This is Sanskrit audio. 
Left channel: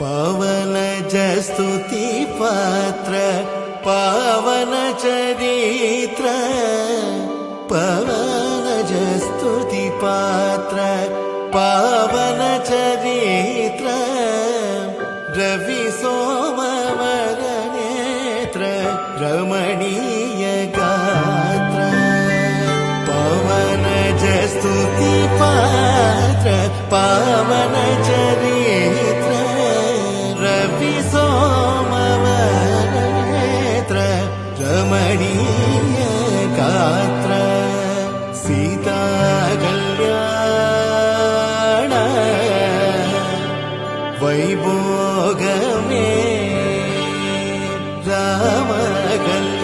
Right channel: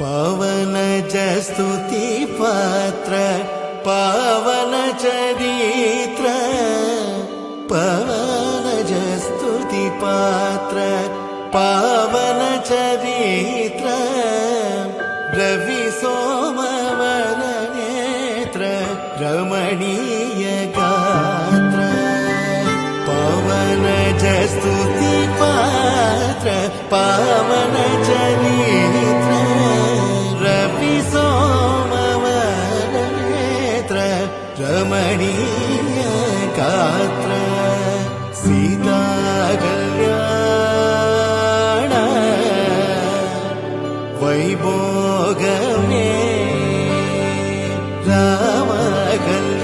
पवनज स्तुति पात्र पावन चरित्र पवनज स्तुति पात्र पावन चरित्र रवि सोमवर नेत्र रमणीय गात्र पवनज स्तुति पात्र पावन चरित्र रवि सोमवर नेत्र रमणीय गात्र सीता कल्याण वैभोगमे राम कल्याण